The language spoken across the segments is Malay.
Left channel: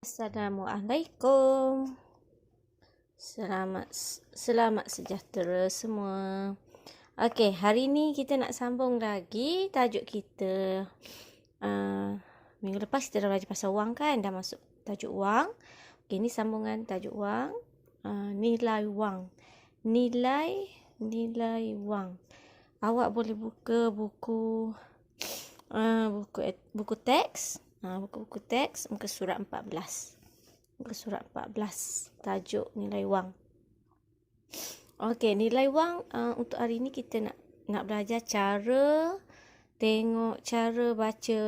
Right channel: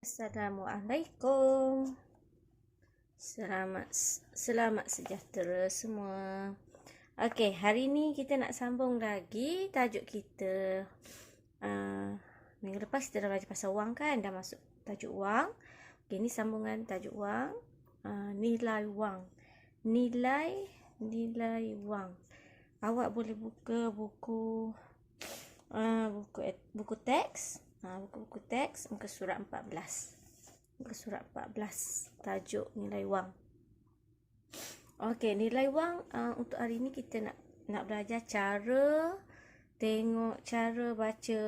Assalamualaikum. Selamat sejahtera semua. Okey, hari ni kita nak sambung lagi tajuk kita. Minggu lepas kita dah belajar pasal wang kan, dah masuk tajuk wang. Okey, ni sambungan tajuk wang. Nilai wang. Nilai wang. Awak boleh buka buku teks. Buku teks muka surat 14. Muka surat 14 tajuk nilai wang. Okey, nilai wang untuk hari ni kita nak belajar cara baca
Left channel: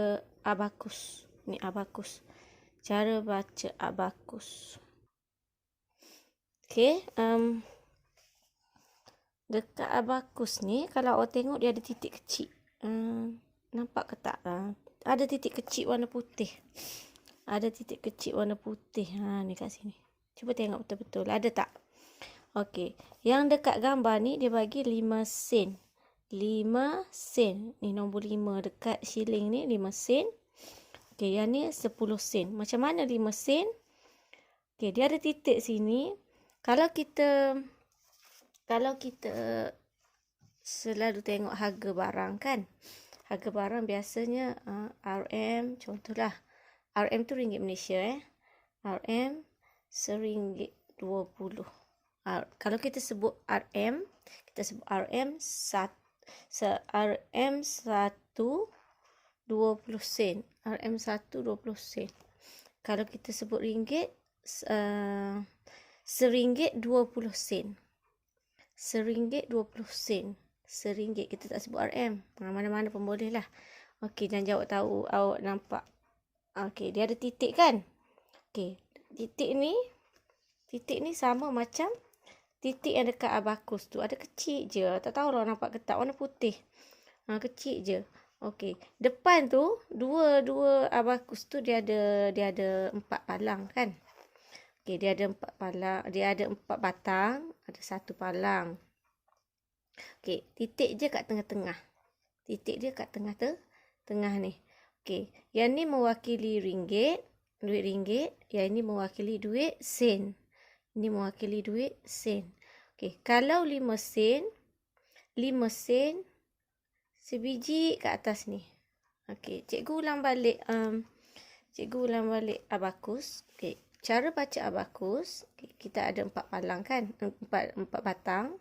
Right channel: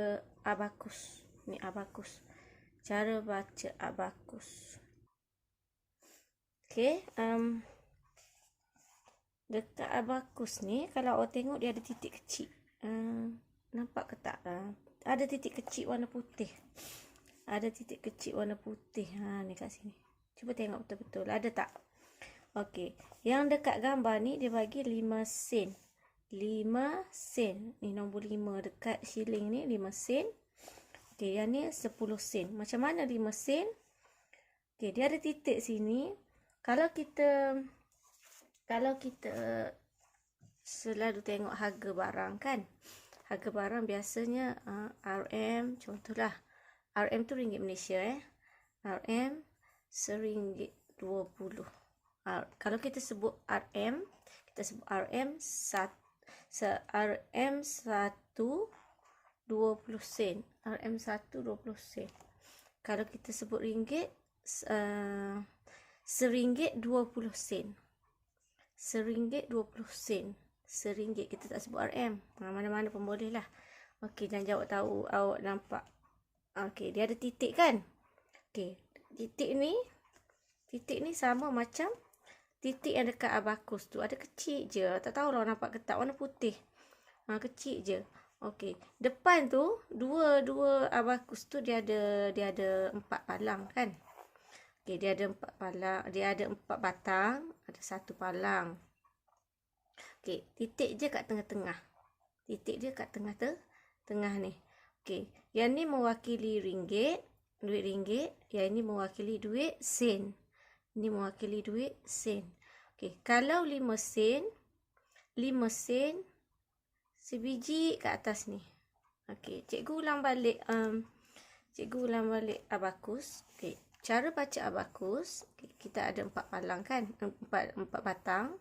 abakus. Ni abakus. Cara baca abakus. Okey, dekat abakus ni kalau awak tengok dia ada titik kecil. Nampak ke tak? Ada titik kecil warna putih. Ada titik kecil warna putih. Ni kat sini. Cuba tengok betul-betul. Ada tak? Okey. Yang dekat gambar ni dia bagi 5 sen. 5 sen. Ni nombor 5 dekat shilling ni 5 sen. Okey, yang ni 10 sen. Macam mana 5 sen? Okey, dia ada titik sini. Kalau kita selalu tengok harga barang kan. Harga barang biasanya RM, contohlah RM tu ringgit Malaysia RM RM1.20. Kalau kita sebut RM, kita sebut RM 1 20 sen. RM 1 20 sen. Kalau kita sebut ringgit, RM1.20 sen. RM1.20. RM1 kita tak sebut RM. Mana-mana pun boleh lah. Okey, dan awak tahu, awak nampak. Okey, dia ada titik kan? Okey, titik ni sama macam titik yang dekat abakus tu. Ada kecil je. Tak tahu orang nampak ke tak, warna putih. Kecil je. Okey, depan tu dua abakus tu dia ada 4 palang kan? Okey, dia ada 4 palang, dia ada 4 batang, ada 1 palang. Okey, titik je kat tengah-tengah. Titik dia kat tengah ni. Okey, yang ni mewakili ringgit, duit ringgit. Yang ini mewakili duit sen. Ini mewakili duit sen. Okey, kalau 5 sen sebiji kat atas ni. Okey, cikgu ulang balik abakus. Okey, cara baca abakus, kita ada 4 palang kan? 4 batang.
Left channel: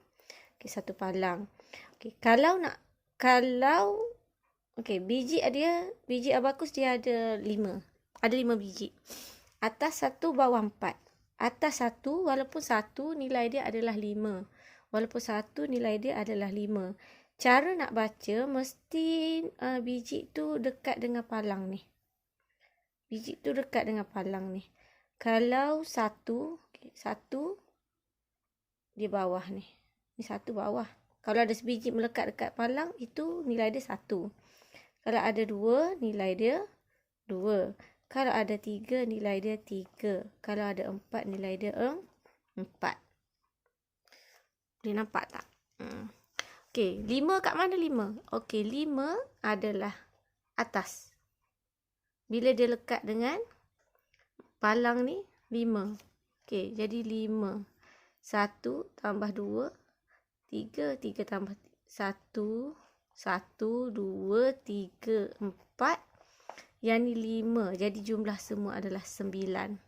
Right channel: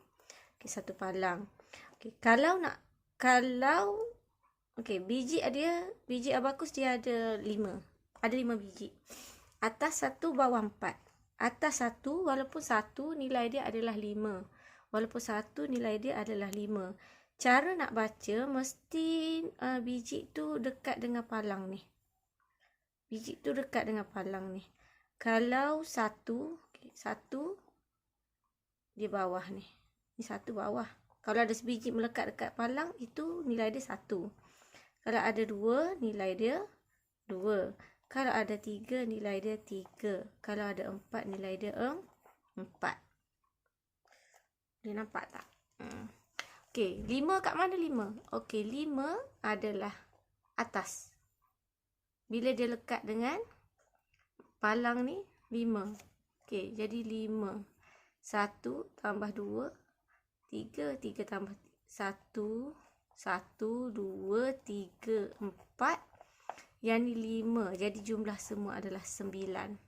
Okey, 1 palang. Okey, biji abakus dia ada 5. Ada 5 biji. Atas 1, bawah 4. Atas 1, walaupun 1 nilai dia adalah 5. Walaupun 1 nilai dia adalah 5. Cara nak baca mesti biji tu dekat dengan palang ni. Biji tu dekat dengan palang ni. Kalau 1 di bawah ni. Ni 1 bawah. Kalau ada sebiji melekat dekat palang, itu nilai dia 1. Kalau ada 2, nilai dia 2. Kalau ada 3, nilai dia 3. Kalau ada 4, nilai dia 4. Boleh nampak tak? Okey, 5 kat mana 5? Okey, 5 adalah atas. Bila dia lekat dengan palang ni, 5. Okey, jadi 5. 1 tambah 2, 3. 3 tambah 1, 1, 2, 3, 4. Yang ni 5. Jadi jumlah semua adalah 9.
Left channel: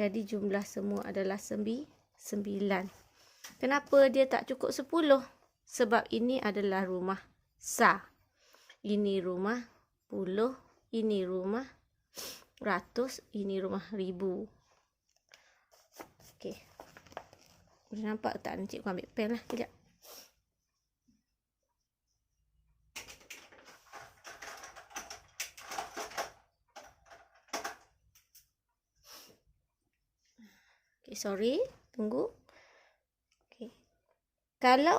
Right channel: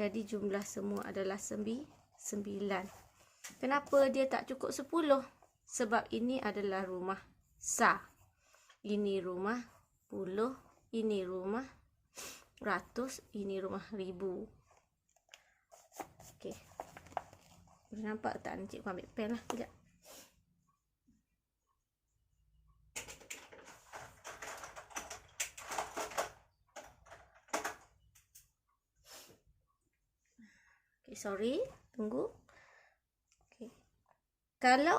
Jadi jumlah semua adalah 9. Kenapa dia tak cukup 10? Sebab ini adalah rumah sah. Ini rumah puluh. Ini rumah ratus. Ini rumah ribu. Okey. Boleh nampak tak? Cikgu ambil pen lah. Sekejap. Okay, sorry. Tunggu. Okay. Kalau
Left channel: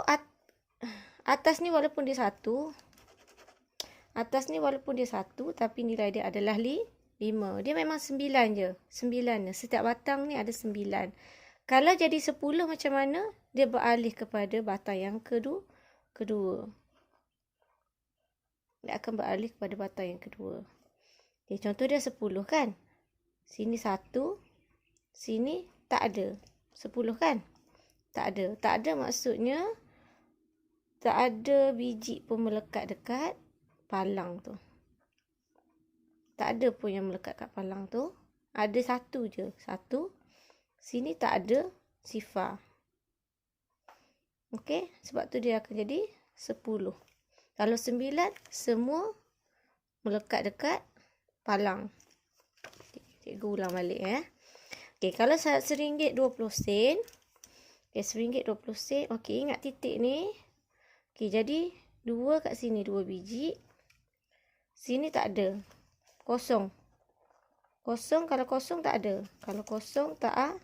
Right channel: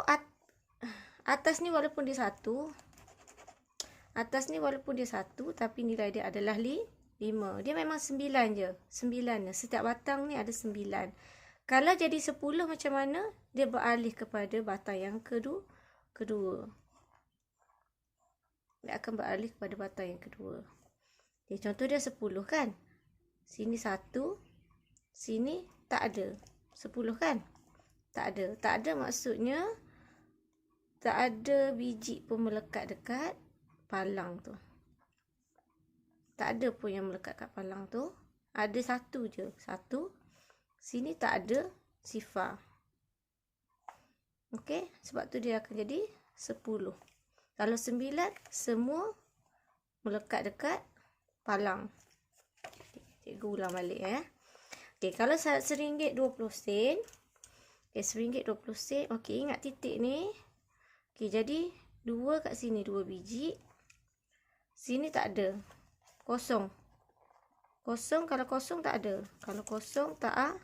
atas ni walaupun dia 1. Atas ni walaupun dia 1. Tapi nilai dia adalah 5. Dia memang 9 je. 9. Setiap batang ni ada 9. Kalau jadi 10 macam mana? Dia beralih kepada batang yang kedua. Dia akan beralih kepada batang yang kedua. Okay, contoh dia 10 kan? Sini 1. Sini tak ada. 10 kan? Tak ada. Tak ada maksudnya tak ada biji pun melekat dekat palang tu. Tak ada pun yang melekat kat palang tu. Ada 1 je. 1. Sini tak ada sifar. Okey, sebab tu dia akan jadi 10. Kalau 9, semua melekat dekat palang. Cikgu ulang balik Okey, kalau RM1.20. Okey, RM1.20. Okey, ingat titik ni. Okey, jadi 2 kat sini 2 biji. Sini tak ada. Kosong. Kosong, kalau kosong tak ada. Kalau kosong tak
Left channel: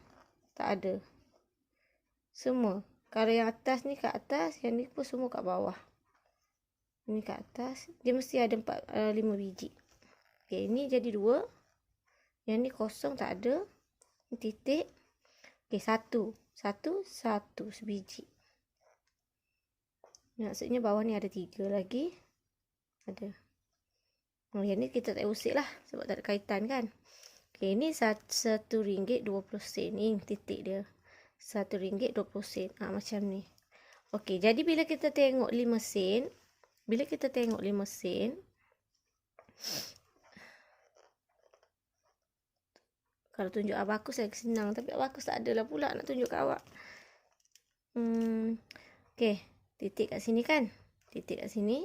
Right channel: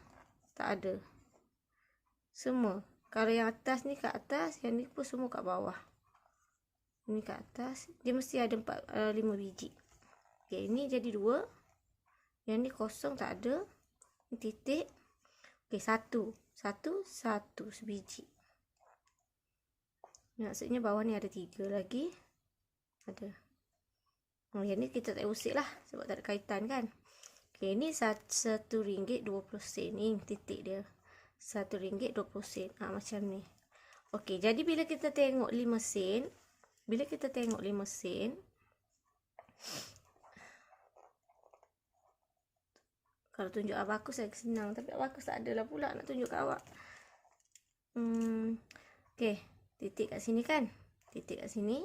ada. Semua. Kalau yang atas ni kat atas, yang ni pun semua kat bawah. Ini kat atas, dia mesti ada 5 biji. Okey, ini jadi 2. Yang ni kosong tak ada. Ini titik. Okey, 1 sebiji. Maksudnya bawah ni ada 3 lagi. Ada. Yang ni kita tak usik lah sebab tak ada kaitan kan. Okey, ini RM1.20. Ni titik dia. RM1.20. Macam ni. Okey, jadi bila kita tengok 5 sen, kalau tunjuk abakus saya senang, tapi abakus tak adalah pula nak tunjuk kat awak. Okey, titik kat sini kan? Titik kat sini.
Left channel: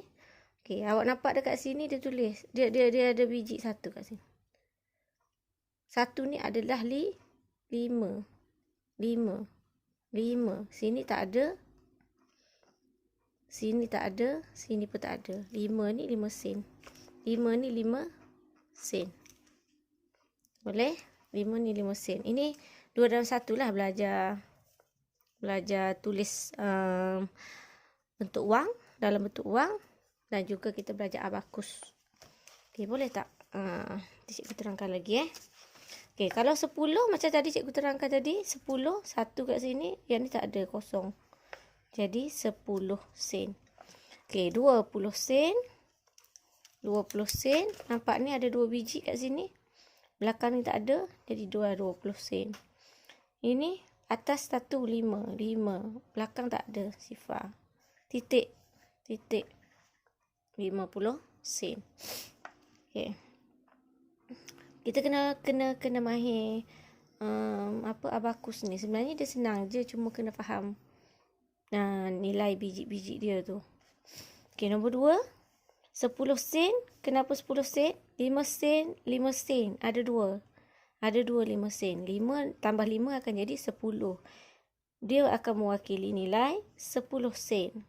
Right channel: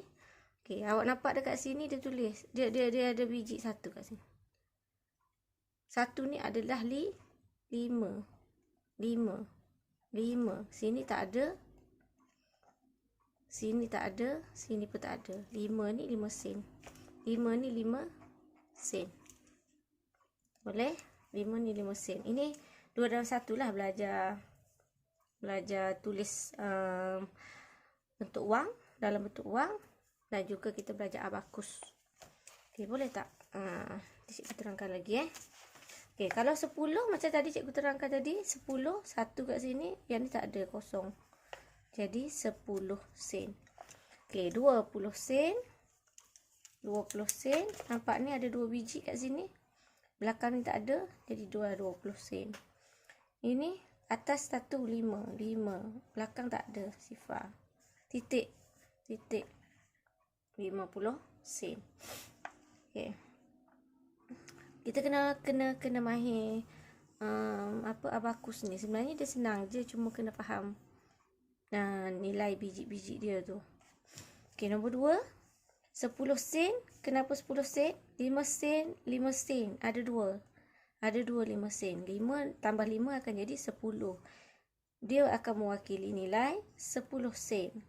Okey, awak nampak dekat sini dia tulis. Dia ada biji 1 kat sini. 1 ni adalah 5. Sini tak ada. Sini tak ada, sini pun tak ada. 5 ni 5 sen. 5 ni 5 sen. Boleh? 5 ni 5 sen. Ini 2 dalam 1 lah belajar tulis bentuk wang, dalam bentuk wang, dan juga kita belajar abakus. Okey, boleh tak? Cikgu terangkan lagi Okey, kalau 10 macam tadi cikgu terangkan tadi, 10, 1 kat sini, yang ni tak ada, kosong. Jadi 10 sen. Okey, 20 sen. 20 sen. Nampak ni ada 2 biji kat sini. Belakang ni tak ada. Jadi 20 sen. Ini atas 1, 5. Belakang tak ada sifar. Titik. 50 sen. Okey. Kita kena mahir abakus ni. Sebenarnya dia senang je, cuma kena faham nilai biji-biji dia tu. Okey, nombor 2. 10 sen. Kenapa 10 sen? 5 sen, 5 sen. Ada 2. Ada 2 5 sen. 5 tambah 5 akan jadi 10. Dia akan mewakili nilai 10 sen.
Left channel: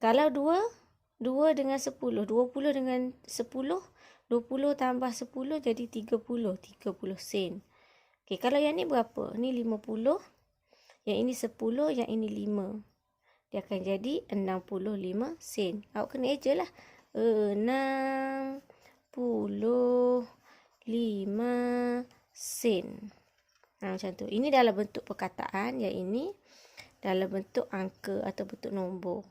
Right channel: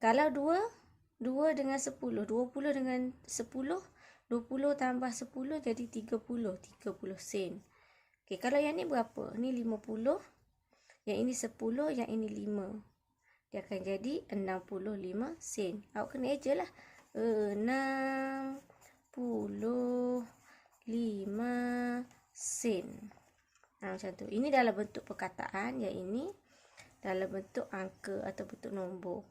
Kalau 2 dengan 10. 20 dengan 10. 20 tambah 10 jadi 30. 30 sen. Okey, kalau yang ni berapa? Ni 50. Yang ini 10. Yang ini 5. Dia akan jadi 65 sen. Awak kena eja lah. 65 sen. Macam tu. Ini dalam bentuk perkataan. Yang ini dalam bentuk angka atau bentuk nombor.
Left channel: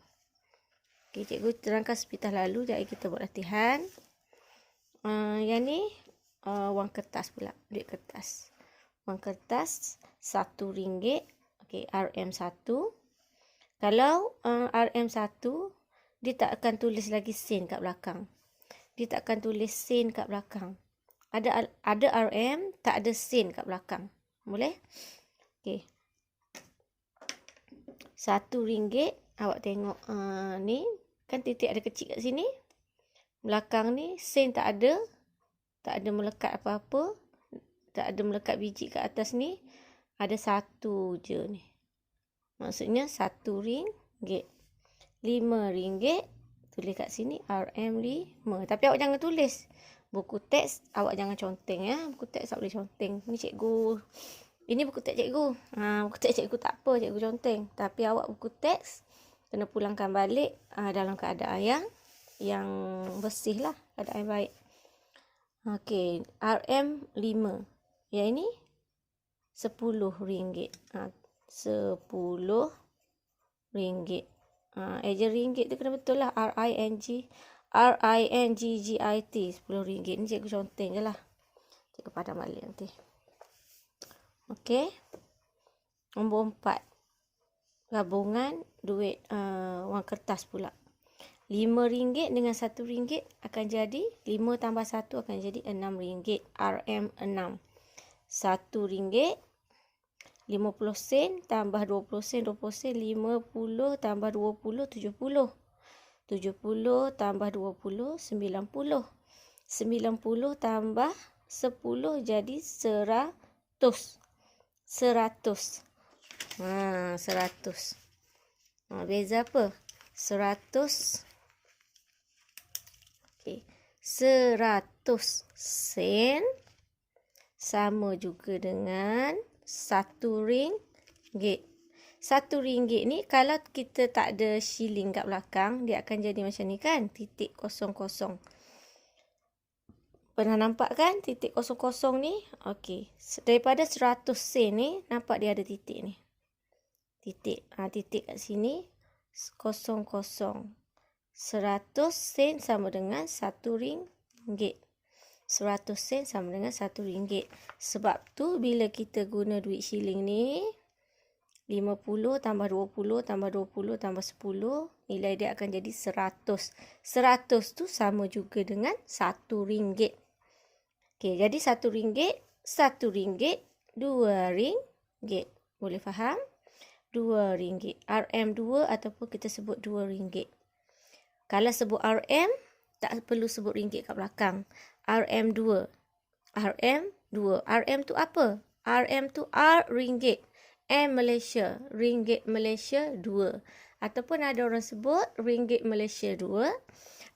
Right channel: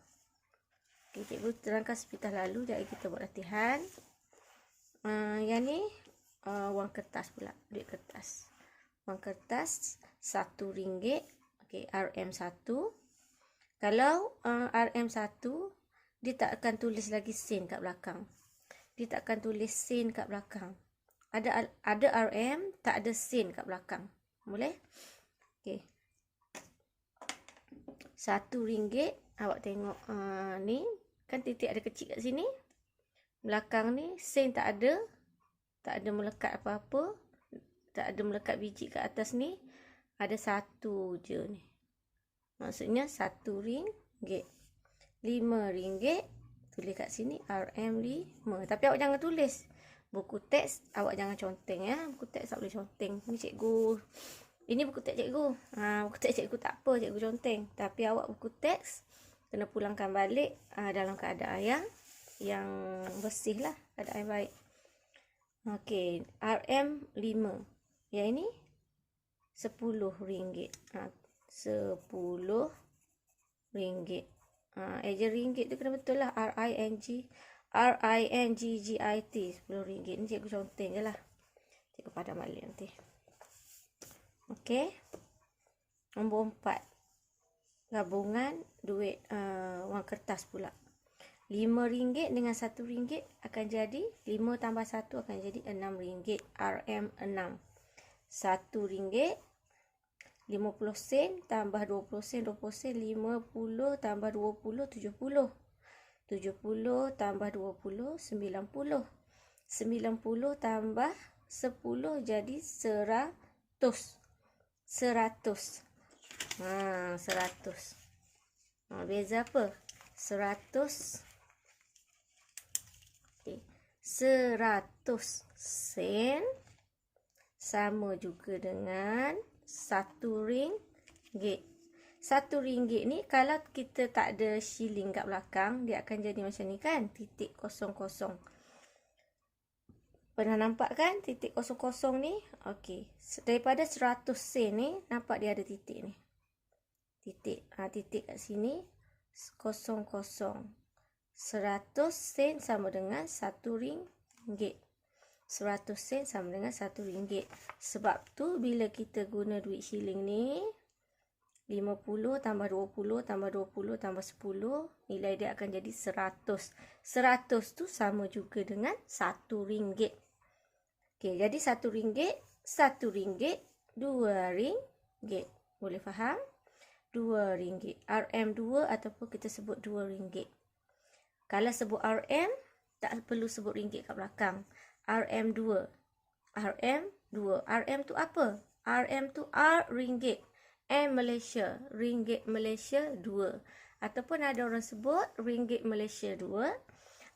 Okey, cikgu terangkan sepintas lalu. Jadi kita buat latihan. Yang ni wang kertas pula. Duit kertas. Wang kertas RM1. Okey, RM1. Kalau RM1, dia tak akan tulis lagi sen kat belakang. Dia tak akan tulis sen kat belakang. Ada RM, tak ada sen kat belakang. Boleh? Okey. RM1. Awak tengok ni. Kan titik ada kecil kat sini. Belakang ni sen tak ada. Tak ada melekat apa-apa. Tak ada melekat biji kat atas ni. Ada 1 je ni. Maksudnya RM1. RM5. Tulis kat sini RM5. Tapi awak jangan tulis. Buku teks awak jangan conteng Buku teks tak boleh conteng. Ni cikgu. Ini buku teks cikgu. Buku teks cikgu tak apa, cikgu conteng. Tapi awak buku teks kena pulangkan balik dalam keadaan yang bersih lah. Keadaan yang baik. Okey, RM5. Yang ini RM10. RM10. Eja ringgit tu kena betul lah. RINGGIT. RM10. Ni cikgu conteng je lah. Cikgu padam balik nanti. Okey. Nombor 4. Gabungan duit wang kertas pula. RM5 dengan RM1 akan jadi 5 tambah 1 akan jadi RM6. RM6. RM1 50 sen tambah 20 sen 20 sen 50 tambah 20 70. 70 tambah 20 90. 90 tambah 10 jadi 100. 100. 100. Beza apa? 100. Okey. 100 sen sama juga dengan RM1. RM1 ni kalau kita tak ada shilling kat belakang, dia akan jadi macam ni kan? Titik kosong kosong. Pernah nampak kan titik kosong kosong ni? Okey. Daripada 100 sen ni, nampak dia ada titik ni. Titik. Titik kat sini. Kosong kosong. 100 sen sama dengan RM1. 100 sen sama dengan RM1. Sebab tu bila kita guna duit shilling ni, 50 tambah 20 tambah 20 tambah 10, nilai dia akan jadi 100. 100 tu sama juga dengan RM1. Okey, jadi RM1, RM1, RM2. Boleh faham? RM2. RM2 ataupun kita sebut RM2. Kalau sebut RM, tak perlu sebut ringgit kat belakang. RM2. RM2. RM tu apa? RM tu R ringgit. M Malaysia. Ringgit Malaysia 2. Ataupun ada orang sebut ringgit Malaysia 2.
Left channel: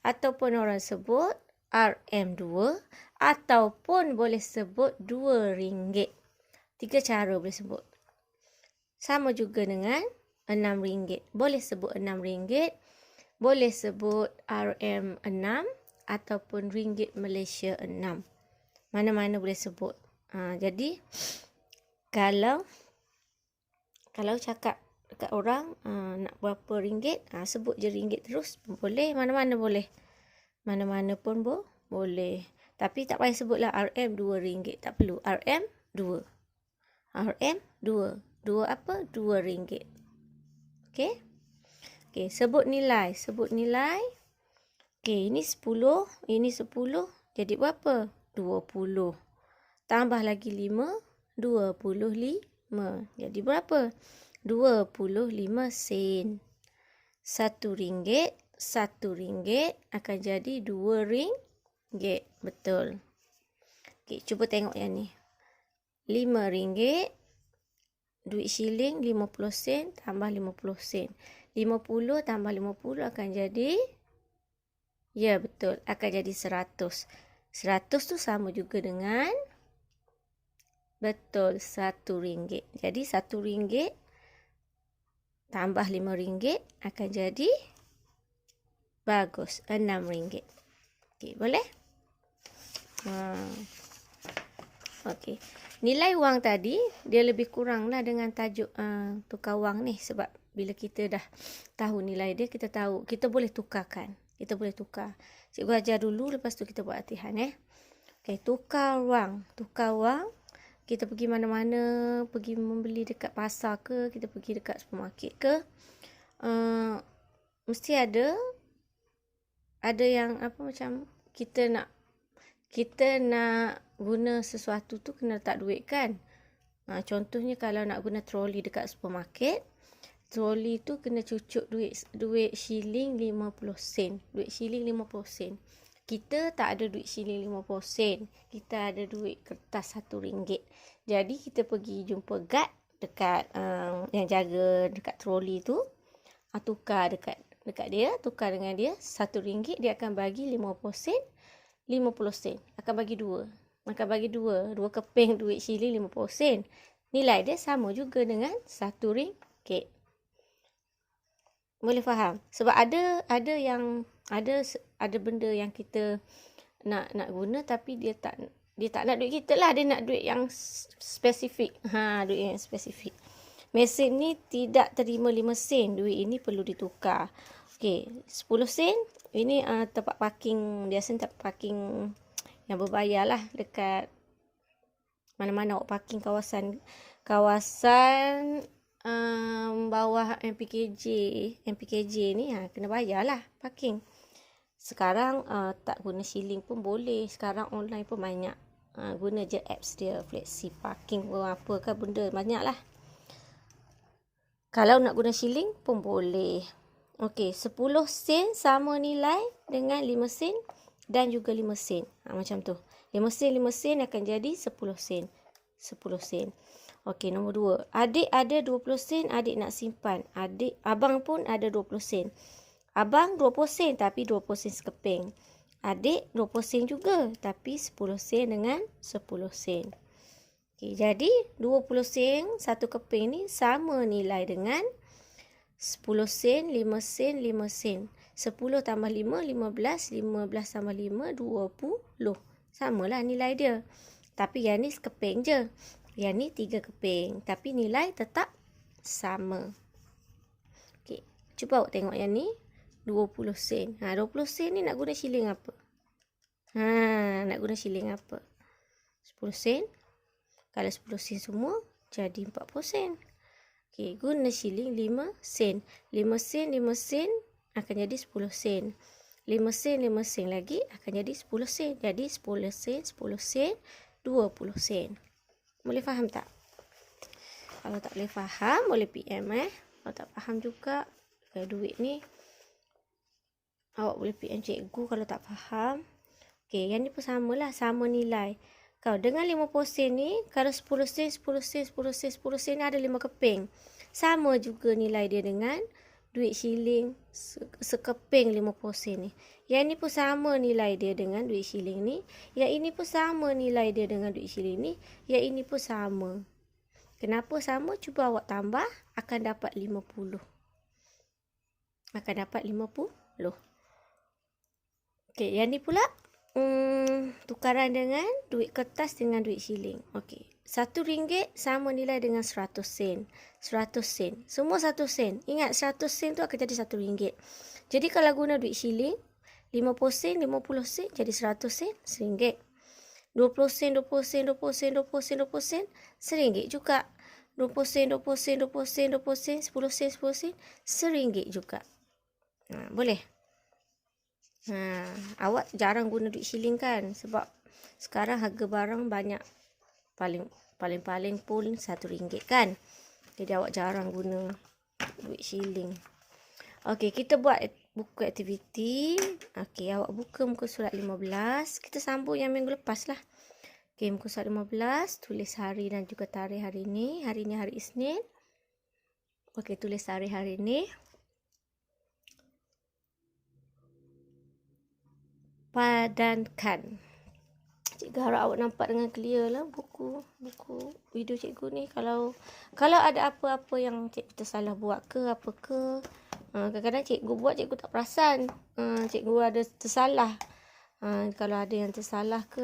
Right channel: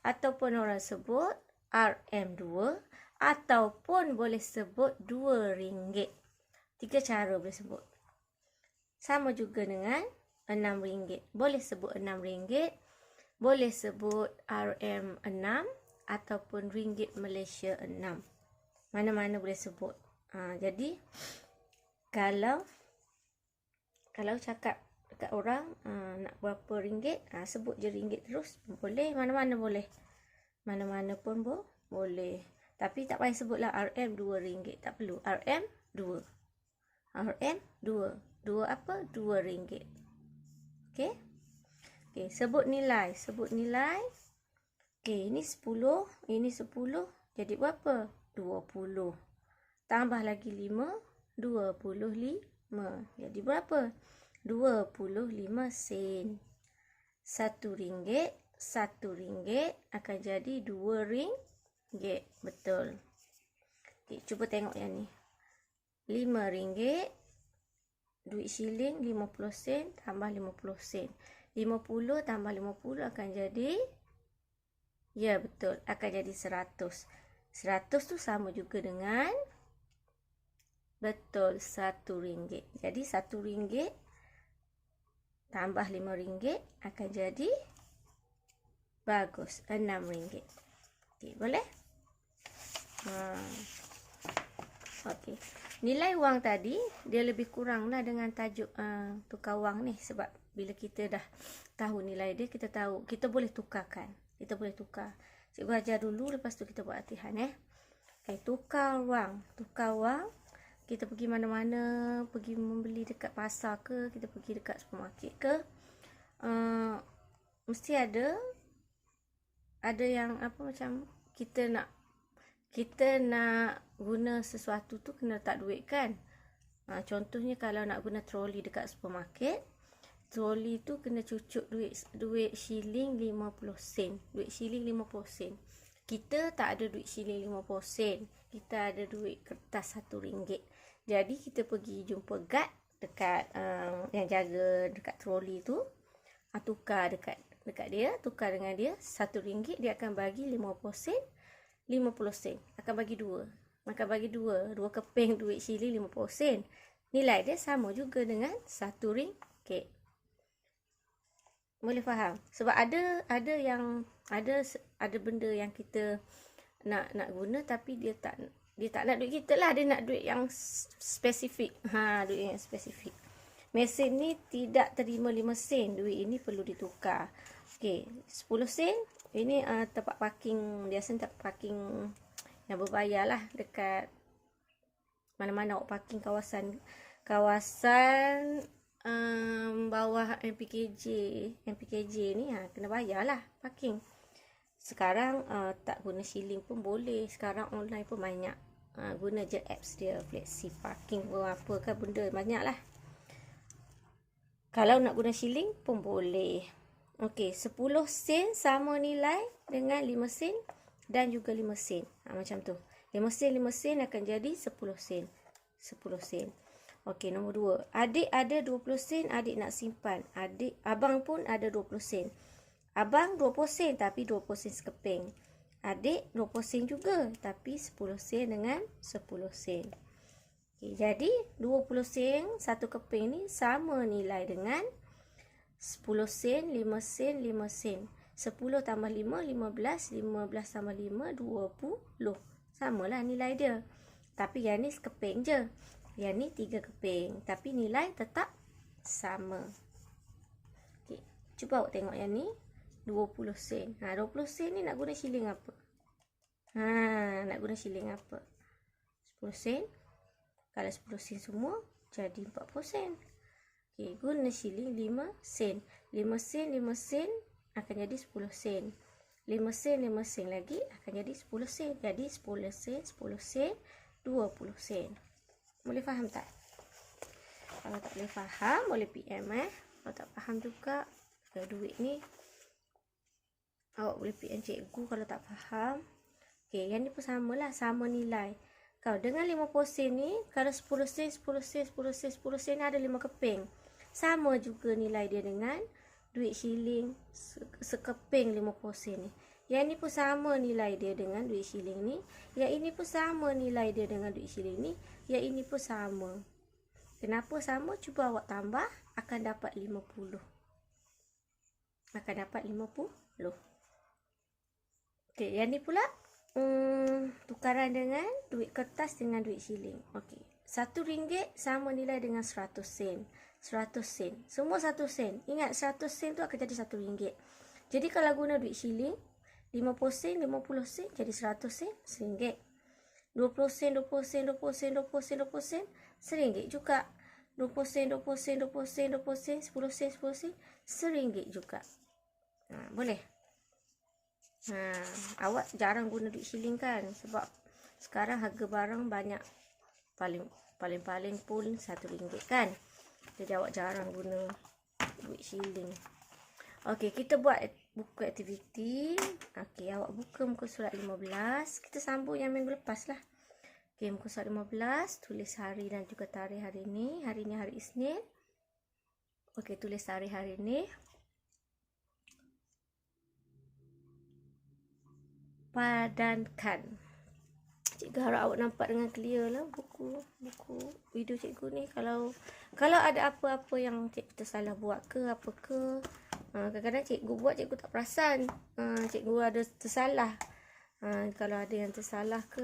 Ataupun orang sebut RM2. Ataupun boleh sebut RM2. 3 cara boleh sebut. Sama juga dengan RM6. Boleh sebut RM6. Boleh sebut RM6 ataupun ringgit Malaysia 6. Mana-mana boleh sebut. Jadi kalau cakap dekat orang nak berapa ringgit, sebut je ringgit terus boleh, mana-mana boleh. Mana-mana pun boleh. Tapi tak payah sebutlah RM RM2, tak perlu. RM2. RM2. 2 apa? RM2. Okey? Okey, sebut nilai. Okey, ini 10, ini 10. Jadi berapa? 20. Tambah lagi 5, 25. Jadi berapa? 25 sen. RM1 akan jadi RM2. Betul. Okey, cuba tengok yang ni. RM5. Duit shilling 50 sen tambah 50 sen. 50 tambah 50 akan jadi, ya betul, akan jadi 100. 100 tu sama juga dengan, betul, RM1. Jadi RM1 tambah RM5 akan jadi, bagus, RM6. Okey, boleh? Okey. Nilai wang tadi, dia lebih kurang lah dengan tajuk tukar wang ni. Sebab bila kita dah tahu nilai dia, kita tahu, kita boleh tukarkan. Kita boleh tukar. Cikgu ajar dulu, lepas tu kita buat latihan. Okey, tukar wang. Tukar wang, kita pergi mana-mana, pergi membeli dekat pasar ke, kita pergi dekat supermarket ke, mesti ada yang apa, macam kita nak guna sesuatu tu kena letak duit kan. Contohnya kalau nak guna troli dekat supermarket, troli tu kena cucuk duit shilling 50 sen. Duit shilling 50 sen. Kita tak ada duit shilling 50 sen. Kita ada duit kertas RM1. Jadi kita pergi jumpa guard dekat yang jaga dekat troli tu. Tukar dekat dia, tukar dengan dia RM1, dia akan bagi 50 sen. 50 sen. Akan bagi 2. Akan bagi 2 keping duit shilling 50 sen. Nilai dia sama juga dengan RM1. Boleh faham? Sebab ada benda yang kita nak guna tapi dia tak nak duit kita lah, dia nak duit yang spesifik. Duit yang spesifik. Mesin ni tidak terima 5 sen. Duit ini perlu ditukar. Okey, 10 sen. Ini tempat parking, biasa tempat parking yang berbayar lah dekat Mana-mana awak parking kawasan bawah MPKJ ni kena bayarlah parking. Sekarang tak guna shilling pun boleh. Sekarang online pun banyak. Guna je apps dia, Flexi Parking ke apa kan benda banyak lah. Kalau nak guna shilling pun boleh. Okey, 10 sen sama nilai dengan 5 sen dan juga 5 sen. Macam tu. 5 sen akan jadi 10 sen. 10 sen. Okey, nombor 2. Adik ada 20 sen, adik nak simpan. Abang pun ada 20 sen. Abang 20 sen tapi 20 sen sekeping. Adik 20 sen juga tapi 10 sen dengan 10 sen. Okey, jadi 20 sen satu keping ni sama nilai dengan 10 sen, 5 sen, 5 sen. 10 tambah 5, 15. 15 tambah 5, 20. Samalah nilai dia. Tapi yang ni sekeping je. Yang ni 3 keping. Tapi nilai tetap sama. Okey, cuba awak tengok yang ni. 20 sen. 20 sen ni nak guna shilling apa? Nak guna shilling apa? 10 sen. Kalau 10 sen semua, jadi 40 sen. Okey, guna shilling 5 sen. 5 sen, 5 sen akan jadi 10 sen. 5 sen, 5 sen lagi akan jadi 10 sen. Jadi 10 sen, 10 sen, 20 sen. Boleh faham tak? Kalau tak boleh faham, boleh PM Kalau tak faham juga, duit ni awak boleh PM cikgu kalau tak faham. Okey, yang ni pun samalah, sama nilai. Kalau dengan 50 sen ni, kalau 10 sen, 10 sen, 10 sen, 10 sen ada 5 keping. Sama juga nilai dia dengan duit shilling sekeping 50 sen ni. Yang ni pun sama nilai dia dengan duit shilling ni. Yang ini pun sama nilai dia dengan duit shilling ni. Yang ini pun sama. Kenapa sama? Cuba awak tambah, akan dapat 50. Akan dapat 50. Okey, yang ni pula tukaran dengan duit kertas dengan duit shilling. Okey, RM1 sama nilai dengan 100 sen. 100 sen. Semua 1 sen. Ingat 100 sen tu akan jadi RM1. Jadi kalau guna duit shilling, 50 sen, 50 sen jadi 100 sen, RM1. 20 sen, 20 sen, 20 sen, 20 sen, 20 sen, RM1 juga. 20 sen, 20 sen, 20 sen, 20 sen, 10 sen, 10 sen, RM1 juga. Boleh? Awak jarang guna duit shilling kan? Sebab sekarang harga barang banyak. Paling-paling pun RM1 kan? Jadi awak jarang guna duit shilling. Okey, kita buat buku aktiviti. Okey, awak buka muka surat 15. Kita sambung yang minggu lepas lah. Okey, muka surat 15. Tulis hari dan juga tarikh hari ni. Hari ni hari Isnin. Okey, tulis tarikh hari ni. Padankan. Cikgu harap awak nampak dengan clear lah buku video cikgu ni. Kalau ada apa-apa yang cikgu tersalah buat ke apa ke, kadang-kadang cikgu buat cikgu tak perasan cikgu ada tersalah. Kalau ada yang tersalah ke,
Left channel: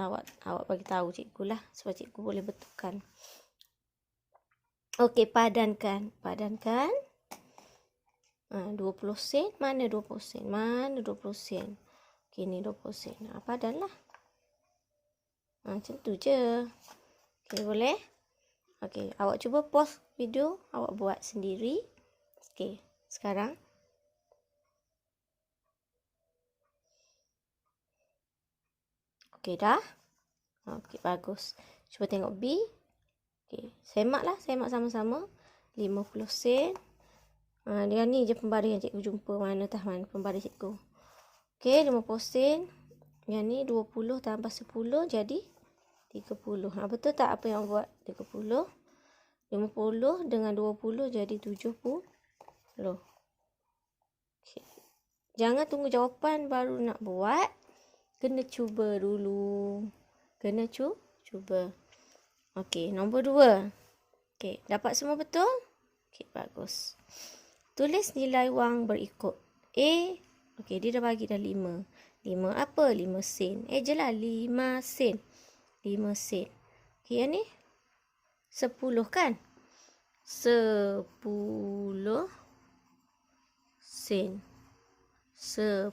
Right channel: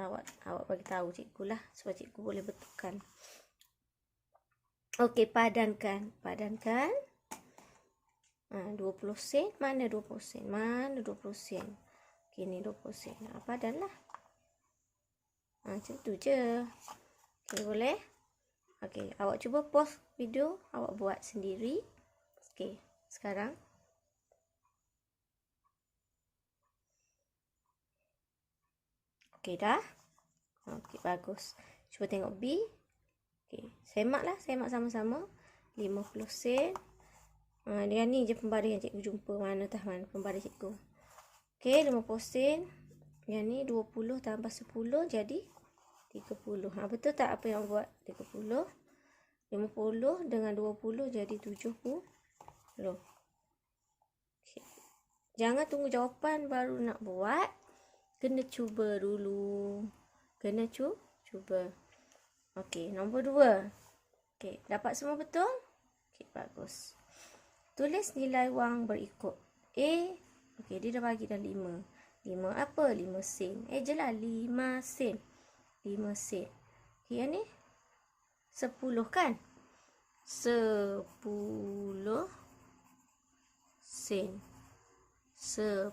awak bagi tahu cikgu lah supaya cikgu boleh betulkan. Okey, padankan 20 sen. Mana 20 sen? Mana 20 sen? Okey, ni 20 sen. Padan lah. Macam tu je. Okey, boleh? Okey, awak cuba pause video, awak buat sendiri. Okey, sekarang. Okey, dah? Okey, bagus. Cuba tengok B. Okey, semak sama-sama. 50 sen. Dia ni je pembaris yang cikgu jumpa. Mana pembaris cikgu. Okey, 50 sen. Yang ni 20 tambah 10 jadi 30. Betul tak apa yang buat? 30. 50 dengan 20 jadi 70. Okay. Jangan tunggu jawapan baru nak buat. Kena cuba dulu. Cuba. Okey, nombor 2. Okey, dapat semua betul? Okey, bagus. Tulis nilai wang berikut. A, okey, dia dah bagi dah 5. 5 apa? 5 sen. Je lah 5 sen. 5 sen. Okey, yang ni 10 kan? 10 sen. 10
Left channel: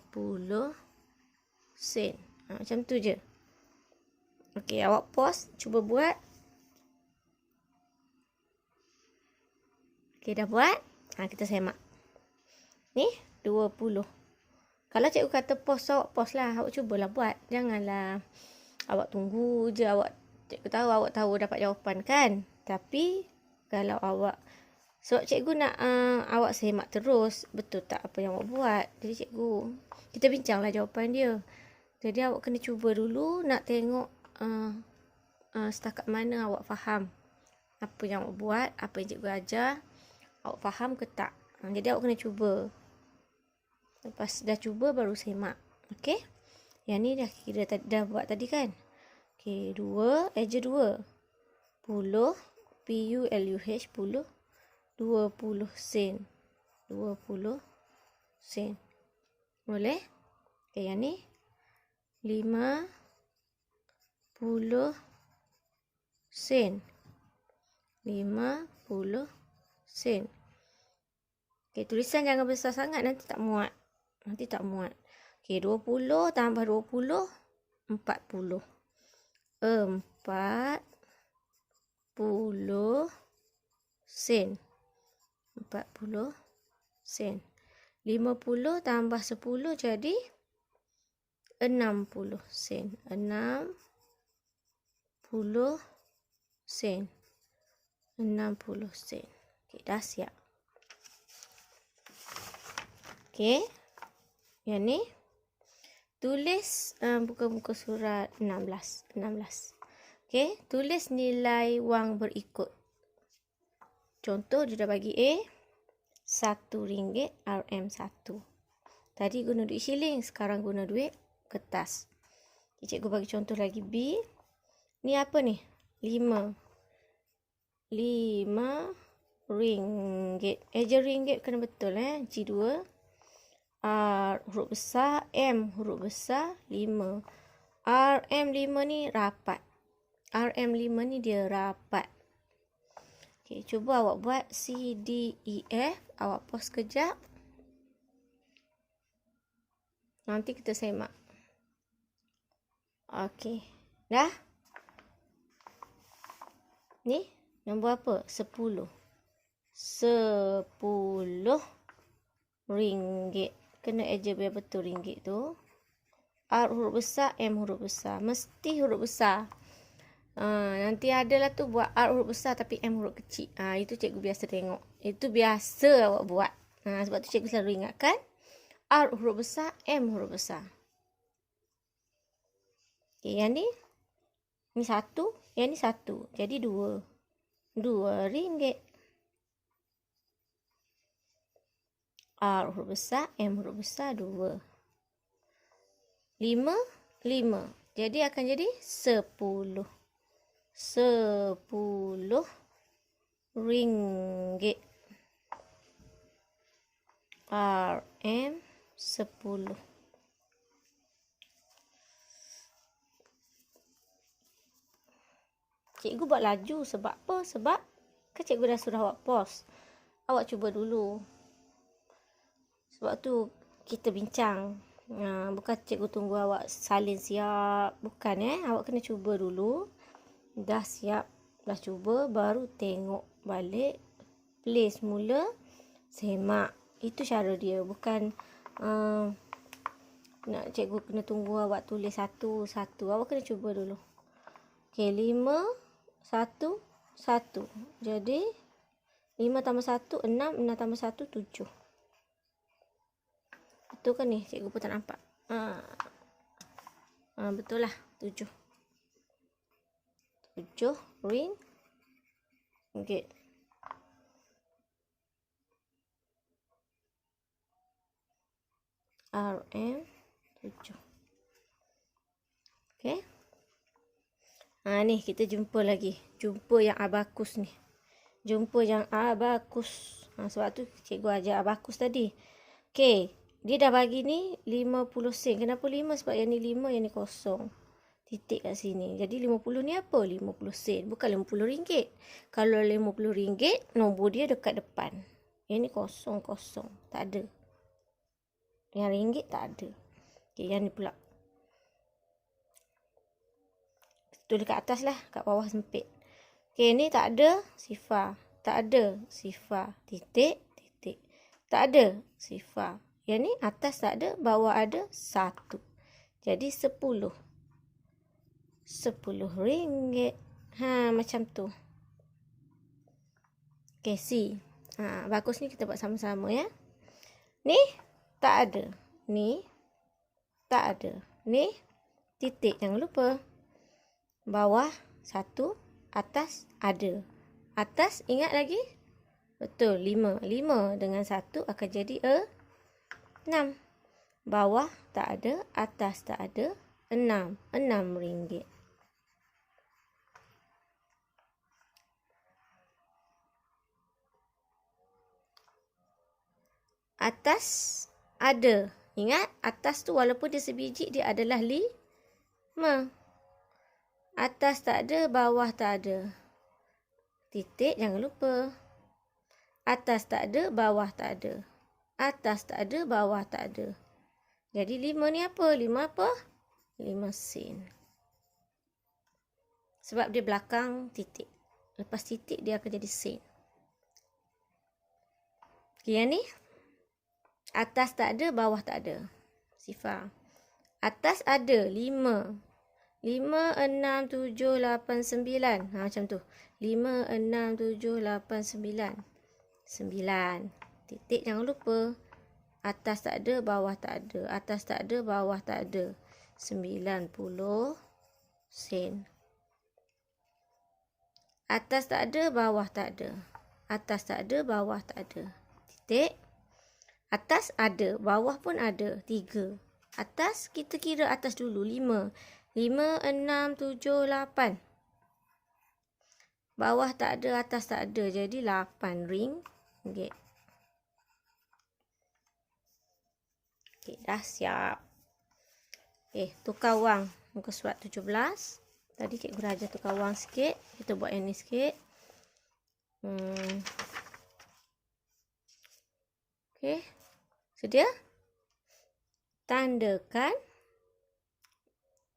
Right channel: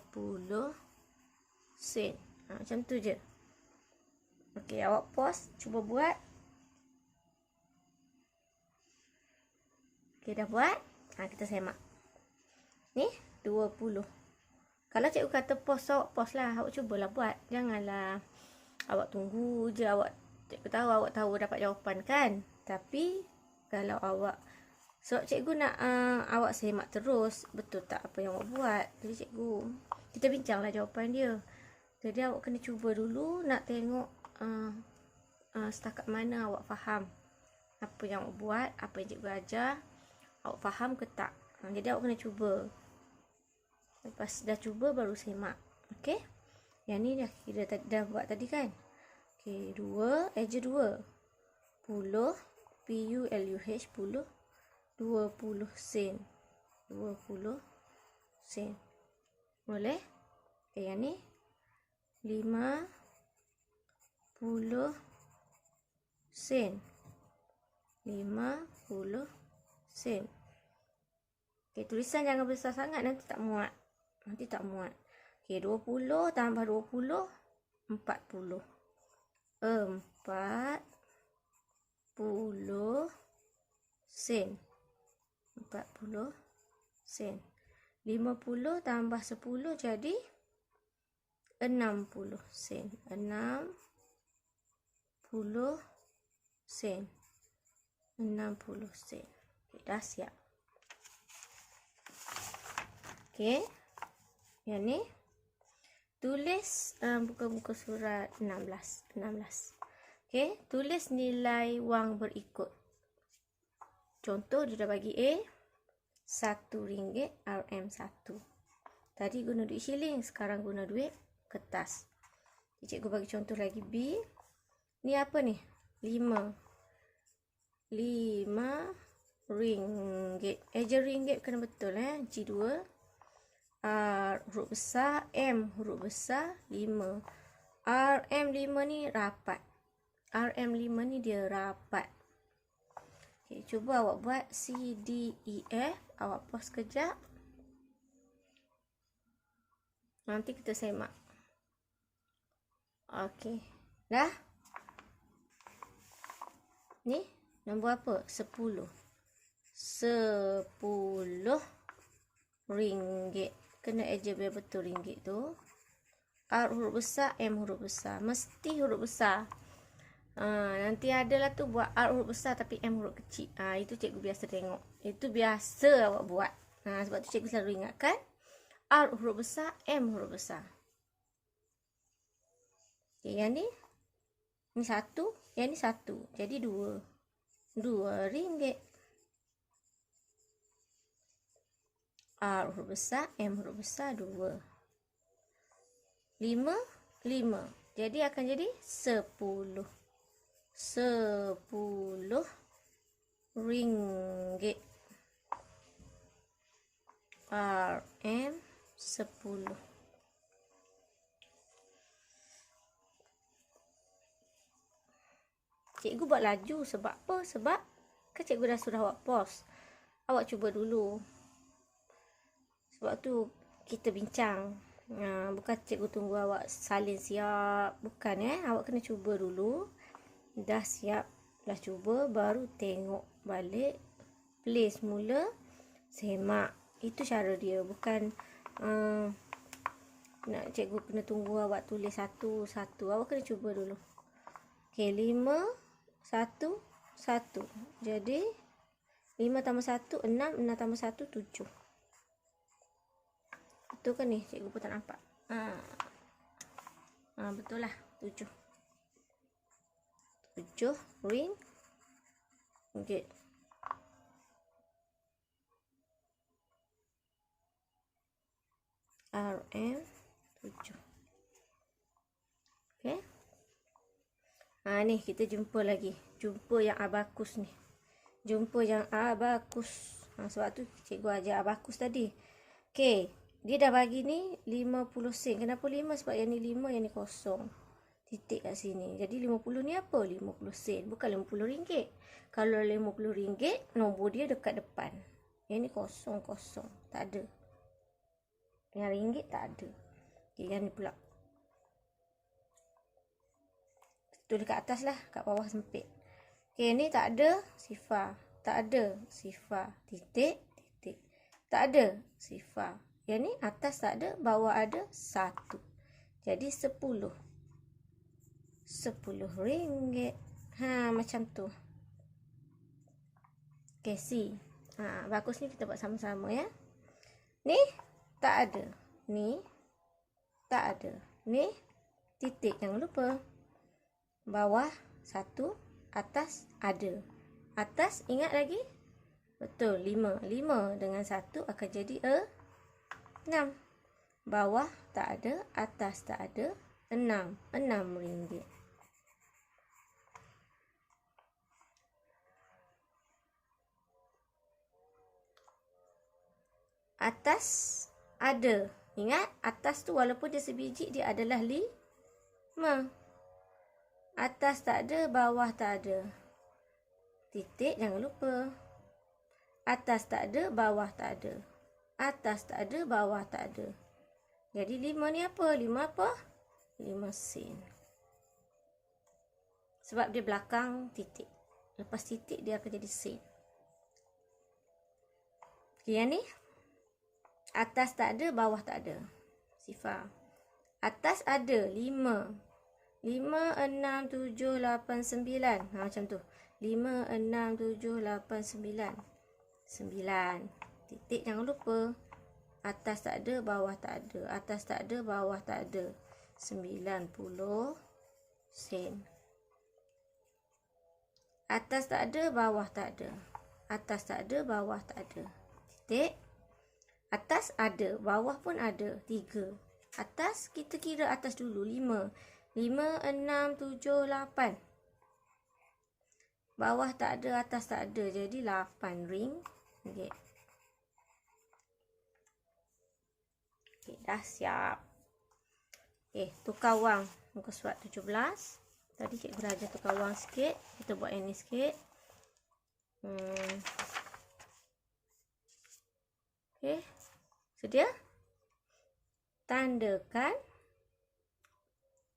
sen. Macam tu je. Okey, awak pause, cuba buat. Okey, dah buat. Kita semak. Ni 20. Kalau cikgu kata pause, awak pause lah. Awak cubalah buat. Janganlah awak tunggu je. Cikgu tahu awak tahu dapat jawapan kan. Tapi kalau awak, sebab cikgu nak awak semak terus. Betul tak apa yang awak buat. Jadi cikgu, kita bincanglah jawapan dia. Jadi awak kena cuba dulu nak tengok setakat mana awak faham apa yang awak buat, apa yang cikgu ajar. Awak faham ke tak? Jadi awak kena cuba. Lepas dah cuba baru semak. Okey? Yang ni dah kira dah buat tadi kan? Okey, 2 eja 2. Puluh PULUH 10 20 sen. 20 sen. Boleh? Okey, yang ni 50 sen. 50 sen. Okey, tulisan jangan besar sangat, nanti tak muat. Okey, 20 tambah 20 40. 40 sen. 40 sen. 50 tambah 10 jadi 60 sen. 60 sen. 60 sen. Okey, dah siap. Okey. Yang ni tulis buka muka surat 16. Okey, tulis nilai wang berikut. Contoh dia dah bagi A RM1 RM1. Tadi guna duit shilling, sekarang guna duit kertas. Cikgu bagi contoh lagi B. Ni apa ni? 5 ringgit. Eja ringgit kena betul G2. R huruf besar, M huruf besar, 5. RM5 ni rapat. RM5 ni dia rapat. Okey, cuba awak buat C, D, E, F. Awak pause kejap. Nanti kita semak. Okey, dah? Ni nombor apa? 10. 10 ringgit. Kena eja biar betul ringgit tu. R huruf besar, M huruf besar. Mesti huruf besar. Nanti adalah tu buat R huruf besar tapi M huruf kecil. Itu cikgu biasa tengok. Itu biasa awak buat. Sebab tu cikgu selalu ingatkan. R huruf besar, M huruf besar. Okay, yang ni. Ni 1. Yang ni 1. Jadi 2. 2 ringgit. R huruf besar, M huruf besar, 2. 5. Jadi akan jadi 10. 10 ringgit. RM 10. Cikgu buat laju sebab apa? Sebab kan cikgu dah suruh awak pause. Awak cuba dulu. Sebab tu kita bincang. Bukan cikgu tunggu awak salin siap. Bukan Awak kena cuba dulu. Dah siap. Dah cuba. Baru tengok balik. Play semula. Semak. Itu cara dia. Bukan nak cikgu kena tunggu awak tulis satu-satu. Awak kena cuba dulu. Okay, 5, 1, 1. Jadi 5 tambah 1, 6. 6 tambah 1, 7. Betul kan ni? Cikgu pun tak nampak. Betul lah. 7. 7 ringgit. RM 7. Okay. Ni kita jumpa lagi. Jumpa yang abakus ni. Jumpa yang abakus. Sebab tu cikgu ajar abakus tadi. Okay. Dia dah bagi ni 50 sen. Kenapa 5? Sebab yang ni 5, yang ni kosong. Titik kat sini. Jadi 50 ni apa? 50 sen. Bukan 50 ringgit. Kalau 50 ringgit, nombor dia dekat depan. Yang ni kosong. Tak ada. Yang ringgit tak ada. Okay, yang ni pula. tulis kat atas lah, kat bawah sempit. Okey, ni tak ada sifar. Tak ada sifar. Titik, titik. Tak ada sifar. Yang ni atas tak ada, bawah ada 1. Jadi 10. 10 ringgit. Macam tu. Okey, C. Bagus ni kita buat sama-sama ya. Ni tak ada. Ni tak ada. Ni titik, jangan lupa. Bawah 1, atas ada. Atas ingat lagi? Betul, 5. 5 dengan 1 akan jadi 6. Bawah tak ada, atas tak ada, 6. 6 ringgit. Atas ada. Ingat, atas tu walaupun dia sebiji, dia adalah 5. Atas tak ada, bawah tak ada. Titik, jangan lupa. Atas tak ada, bawah tak ada. Atas tak ada, bawah tak ada. Jadi 5 ni apa? 5 apa? 5 sen. Sebab dia belakang titik. Lepas titik, dia akan jadi sen. Okay, yang ni? Atas tak ada, bawah tak ada. Sifar. Atas ada 5. 5, 6, 7, 8, 9. Macam tu. 5, 6, 7, 8, 9. 9. Titik, jangan lupa. Atas tak ada, bawah tak ada. Atas tak ada, bawah tak ada. 90 sen. Atas tak ada, bawah tak ada. Atas tak ada, bawah tak ada. Titik. Atas ada, bawah pun ada. 3. Atas, kita kira atas dulu. 5. 5, 6, 7, 8. Bawah tak ada, atas tak ada. Jadi 8 ringgit. Okey, dah siap. Tukar wang. Muka surat 17. Tadi cikgu dah ajar tukar wang sikit. Kita buat yang ni sikit. Okey. Sedia? Tandakan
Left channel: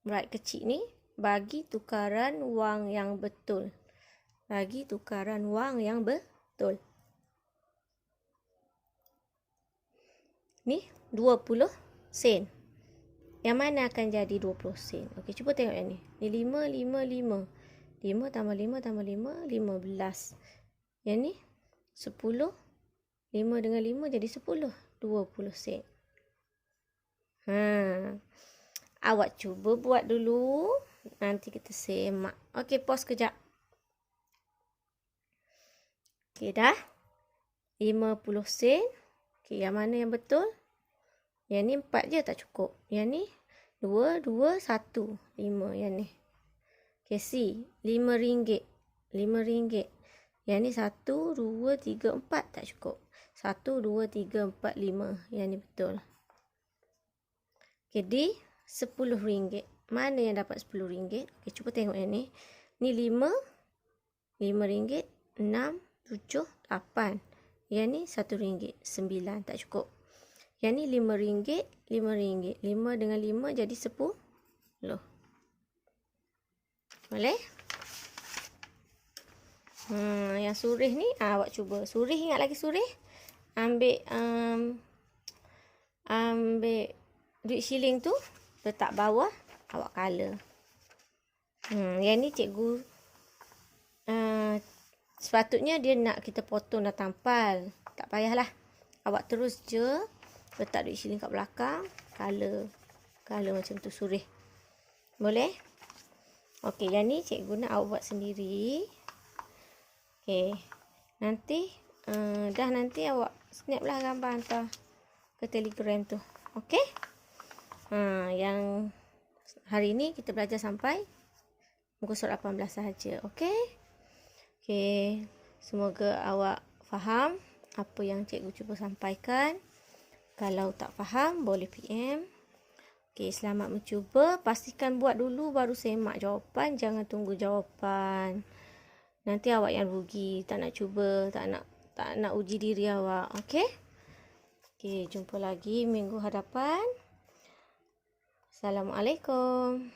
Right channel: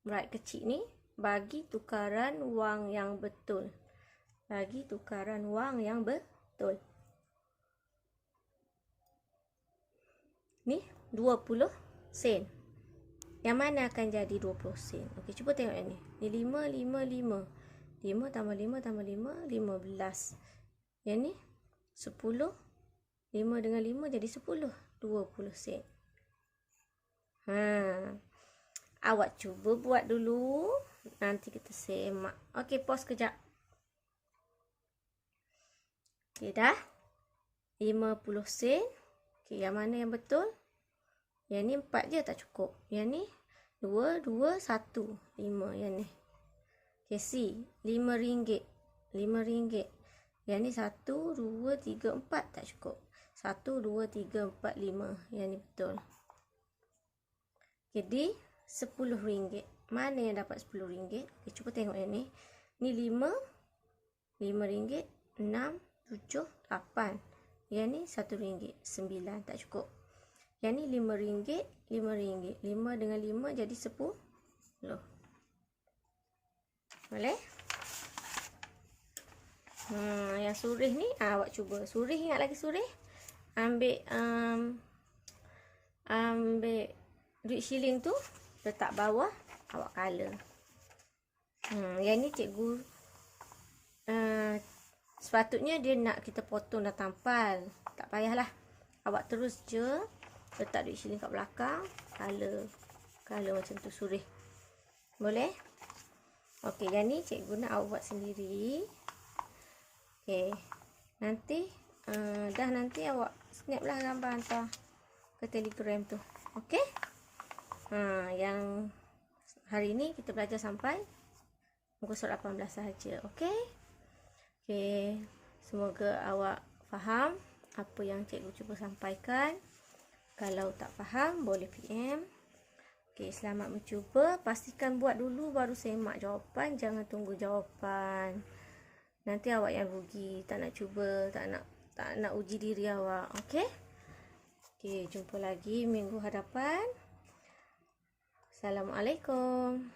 braket kecil ni bagi tukaran wang yang betul. Bagi tukaran wang yang betul. Ni 20 sen. Yang mana akan jadi 20 sen? Okey, cuba tengok yang ni. Ni 5, 5, 5. 5 tambah 5 tambah 5, 15. Yang ni 10. 5 dengan 5 jadi 10. 20 sen. Awak cuba buat dulu. Nanti kita semak. Okey, pause kejap. Okey, dah. 50 sen. Okey, yang mana yang betul? Yang ni 4 je tak cukup. Yang ni 2, 2, 1. 5 yang ni. Okey, C. 5 ringgit. 5 ringgit. Yang ni 1, 2, 3, 4 tak cukup. 1, 2, 3, 4, 5. Yang ni betul. Okey, D. 10 ringgit. Mana yang dapat 10 ringgit? Okey, cuba tengok yang ni. Ni 5. 5 ringgit. 6, 7, 8. Yang ni 1 ringgit. 9 tak cukup. Yang ni 5 ringgit. 5 ringgit. 5 dengan 5 jadi 10. Boleh? Yang surih ni awak cuba. Surih, ingat lagi surih? Ambil duit shilling tu, letak bawah, awak color. Yang ni cikgu sepatutnya dia nak kita potong dah tampal. Tak payahlah. Awak terus je letak duit shilling kat belakang, color. Color macam tu, surih. Boleh? Okey, yang ni cikgu nak awak buat sendiri. Okey. Nanti nanti awak snap lah gambar hantar ke Telegram tu. Okey? Yang hari ni kita belajar sampai muka surat 18 sahaja. Okey? Okey. Semoga awak faham apa yang cikgu cuba sampaikan. Kalau tak faham, boleh PM. Okey, selamat mencuba. Pastikan buat dulu baru semak jawapan. Jangan tunggu jawapan. Nanti awak yang rugi. Tak nak cuba, tak nak uji diri awak. Okey? Okey, jumpa lagi minggu hadapan. Assalamualaikum.